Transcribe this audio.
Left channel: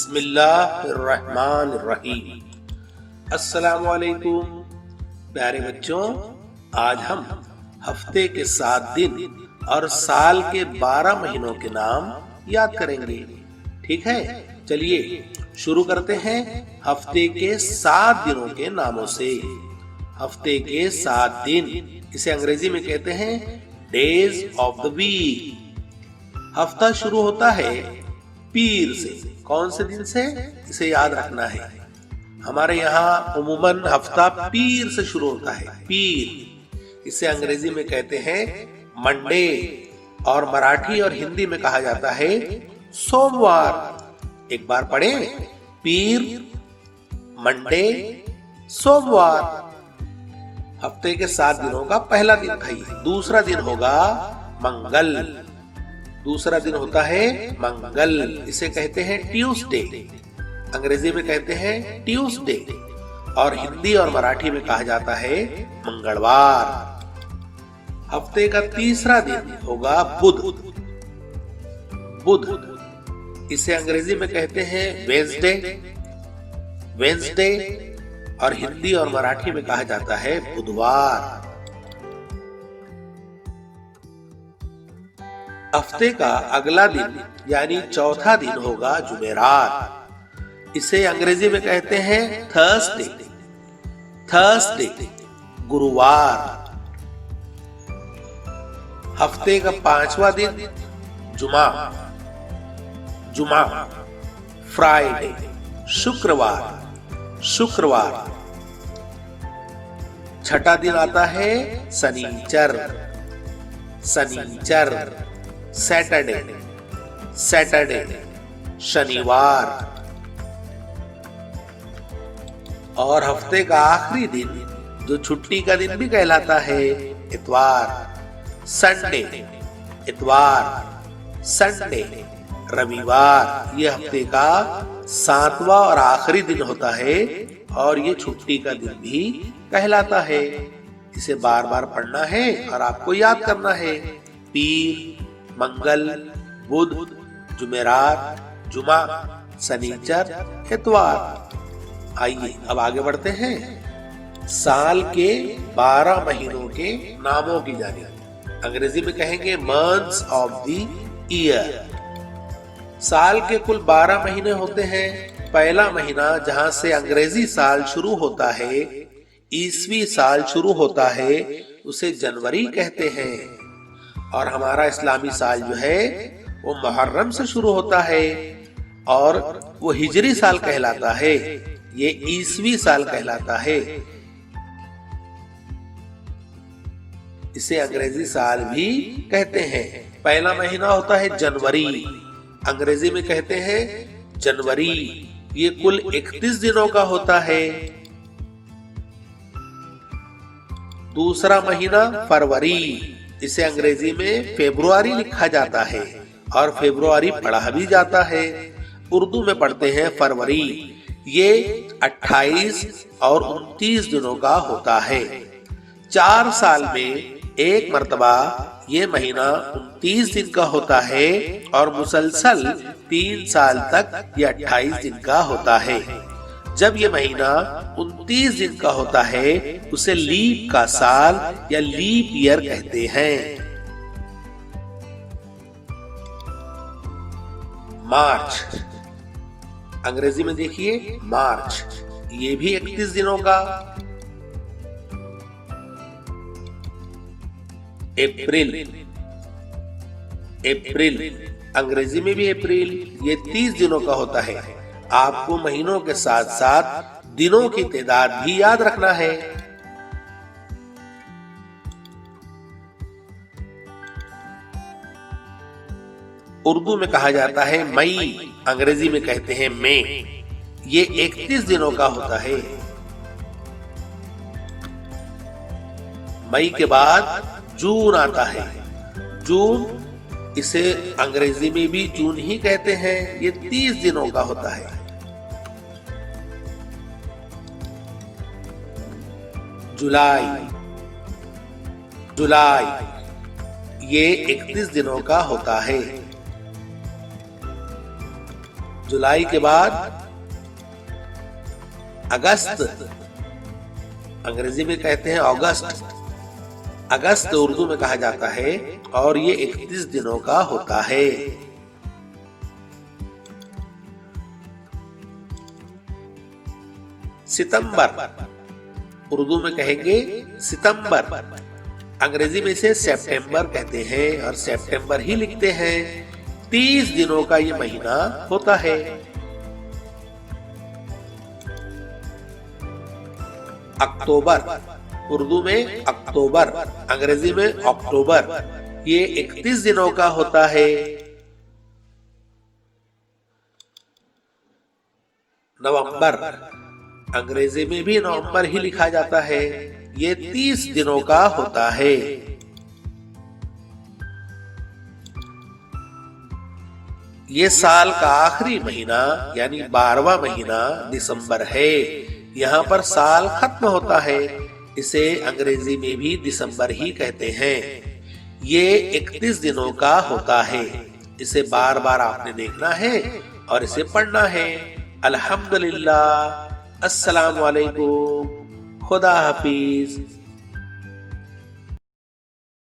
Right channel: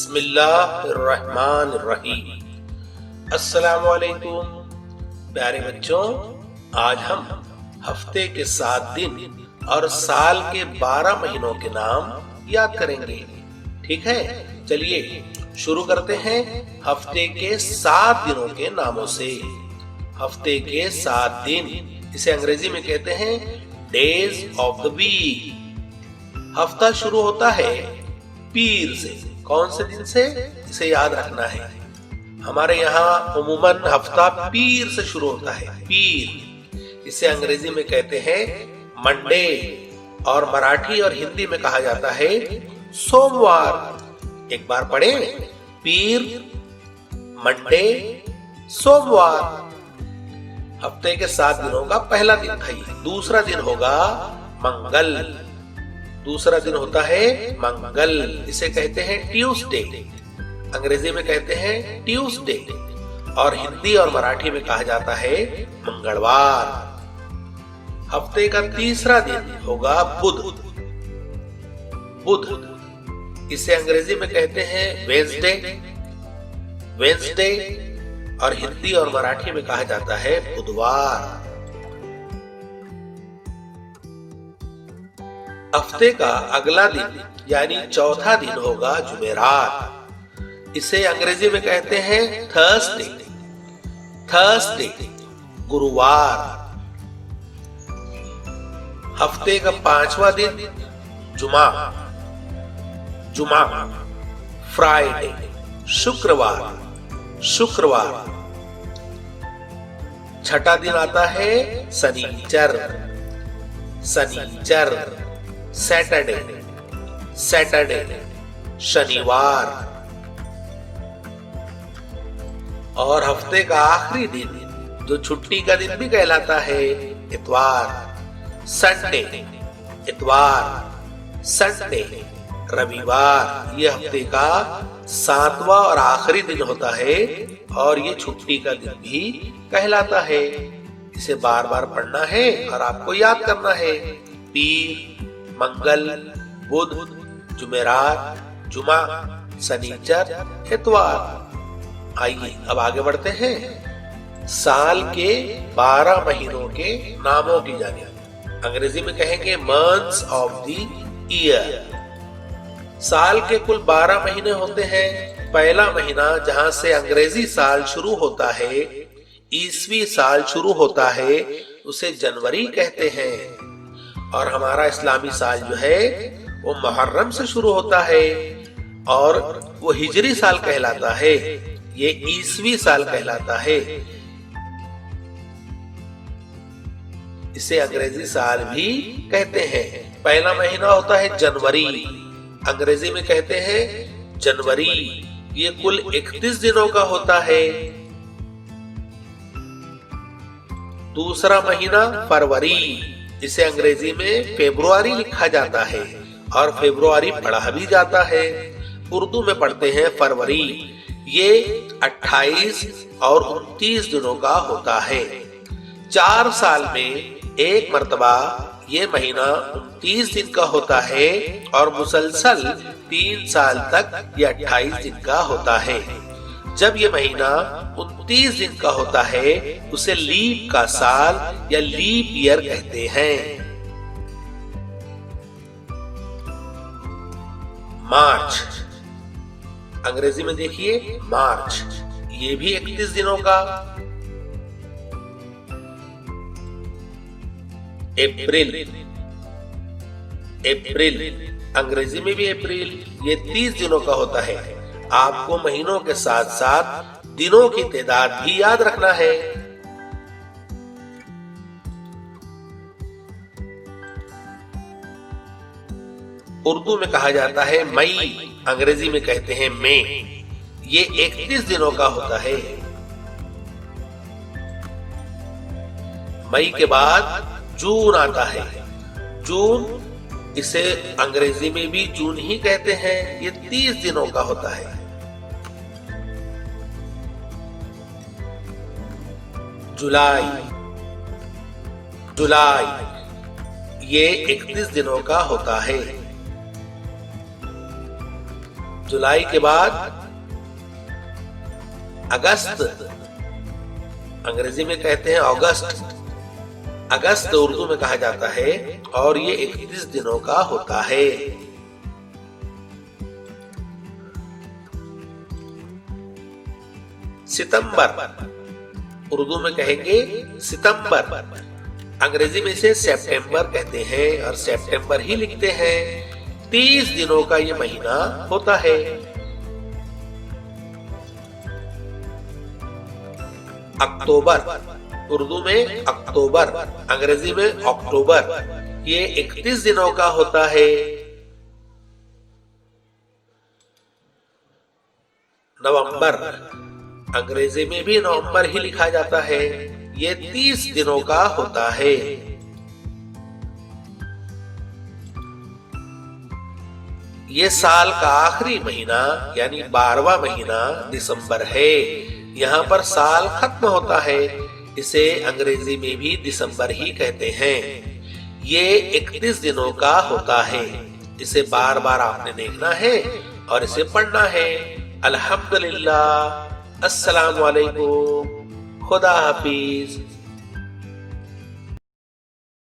बिस्मिल्लाहिर्रहमानिर्रहीम। अस्सलामुअलैकुम प्यारे बच्चों, आज हम हफ्ते के 7 दिन और साल के 12 महीनों के नाम याद करेंगे। ठीक है, चलिए शुरू करते हैं हफ्ते के 7 दिनों के नामों से। हफ्ते के 7 दिन इसे अंग्रेजी में कहते हैं डेज ऑफ द वीक। हफ्ता शुरू होता है पीर से। कौन से दिन से, इसे याद रखना है। हमारे यहाँ उमूमन हफ्ता पीर से शुरू होता है। पीर इसे अंग्रेजी में कहते हैं मंडे और मराठी और हिंदी में कहा जाता है सोमवार। एक बार पढ़ें, पीर, मंडे, सोमवार। हफ्ते के 7 दिनों का पहला दिन था ये। दूसरा दिन होगा मंगल। दूसरा दिन होता है मंगल, इसे कहते हैं ट्यूसडे। अंग्रेजी में कहते हैं ट्यूसडे और हिंदी और मराठी में कहा जाता है मंगलवार। हफ्ते का तीसरा दिन होगा बुध। बुध इसे अंग्रेजी में कहते हैं वेंसडे। वेंसडे और हिंदी और मराठी में कहा जाता है बुधवार। हफ्ते का अगला दिन यानी चौथा दिन होगा जुमेरात। इसे अंग्रेजी में कहते हैं थर्सडे। थर्सडे गुरुवार। हफ्ते का 5वां दिन जुमा। जुमा फ्राइडे शुक्रवार। शुक्रवार। छठा दिन आता है शनिचर। शनिचर सैटरडे। सैटरडे शनिवार। और हफ्ते का आखिरी दिन जो छुट्टी का दिन भी कहलाता है इतवार। संडे। इतवार संडे रविवार। ये हफ्ते का 7वां और आखिरी दिन होता है और ये छुट्टी का दिन भी कहलाता है। इसे बार बार पढ़ना है और आपको याद करना है। पीर, मंगल, बुध, जुमेरात, जुमा, शनिचर, इतवार। आइए अब आगे बढ़ते हैं साल के 12 महीनों के नामों की जानिब। अंग्रेजी में कहेंगे मंथ्स ऑफ द ईयर। साल के कुल 12 महीने होते हैं। पहला महीना जहां से अंग्रेजी साल शुरू होता है, ईसवी साल शुरू होता है, उसे जनवरी कहते हैं। और हमारा इस्लामी साल जो है वो मुहर्रम से शुरू होता है और वो हिजरी साल कहलाता है। ये ईसवी साल कहलाता है। इसे अंग्रेजी साल भी कहते हैं। पहला महीना होता है जनवरी। अंग्रेजी में कहते हैं जनवरी। ये कुल 31 दिनों का होता है। दूसरा महीना फरवरी। इसे अंग्रेजी में फेब्रुआरी लिखा जाता है और फेब्रुआरी पढ़ा भी जाता है। उर्दू में पढ़ते हैं फरवरी। ये 28 और 29 दिनों का होता है। 4 साल में एक मर्तबा ये महीना 29 दिन का होता है और मुसलसल 3 साल तक ये 28 दिन का होता है। जब ये महीना 29 दिन का होता है उसे लीप का साल या लीप ईयर कहते हैं। मार्च। अंग्रेजी में देखिए मार्च। ये भी 31 दिनों का। अप्रैल। अप्रैल अंग्रेजी में भी अप्रैल। ये 30 दिनों का होता है। आपको महीनों के साथ साथ दिनों की तादाद भी याद रखना है। उर्दू में कहा जाता है मई। अंग्रेजी में कहते हैं मई। ये 31 दिनों का होता है। मई के बाद जून आता है। जून इसे अंग्रेजी में भी जून ही कहते हैं। ये 30 दिनों का होता है। जुलाई। जुलाई ये 31 दिनों का होता है। जुलाई के बाद अगस्त, अंग्रेजी में कहते हैं अगस्त। अगस्त उर्दू में कहा जाता है और ये 31 दिनों का होता है। सितंबर, उर्दू में कहेंगे सितंबर, अंग्रेजी में इसे सितंबर कहते हैं और सितंबर ही लिखते हैं। 30 दिनों का ये महीना होता है। अक्टूबर, उर्दू में अक्टूबर, अंग्रेजी में अक्टूबर, ये 31 दिनों का होता है। नवंबर, अंग्रेजी में भी नवंबर ही लिखा जाता है, ये 30 दिनों का होता है। ये साल का आखिरी महीना यानी 12वां महीना दिसंबर है। यहाँ पर साल खत्म होता है, इसे अंग्रेजी में भी दिसंबर ही कहते हैं। ये 31 दिनों का होता है। इसे बार बार आपने देखना है और इसे पढ़ना है। अल्हम्दुलिल्लाह, अस्सलाम वालेकुम, खुदा हाफिज।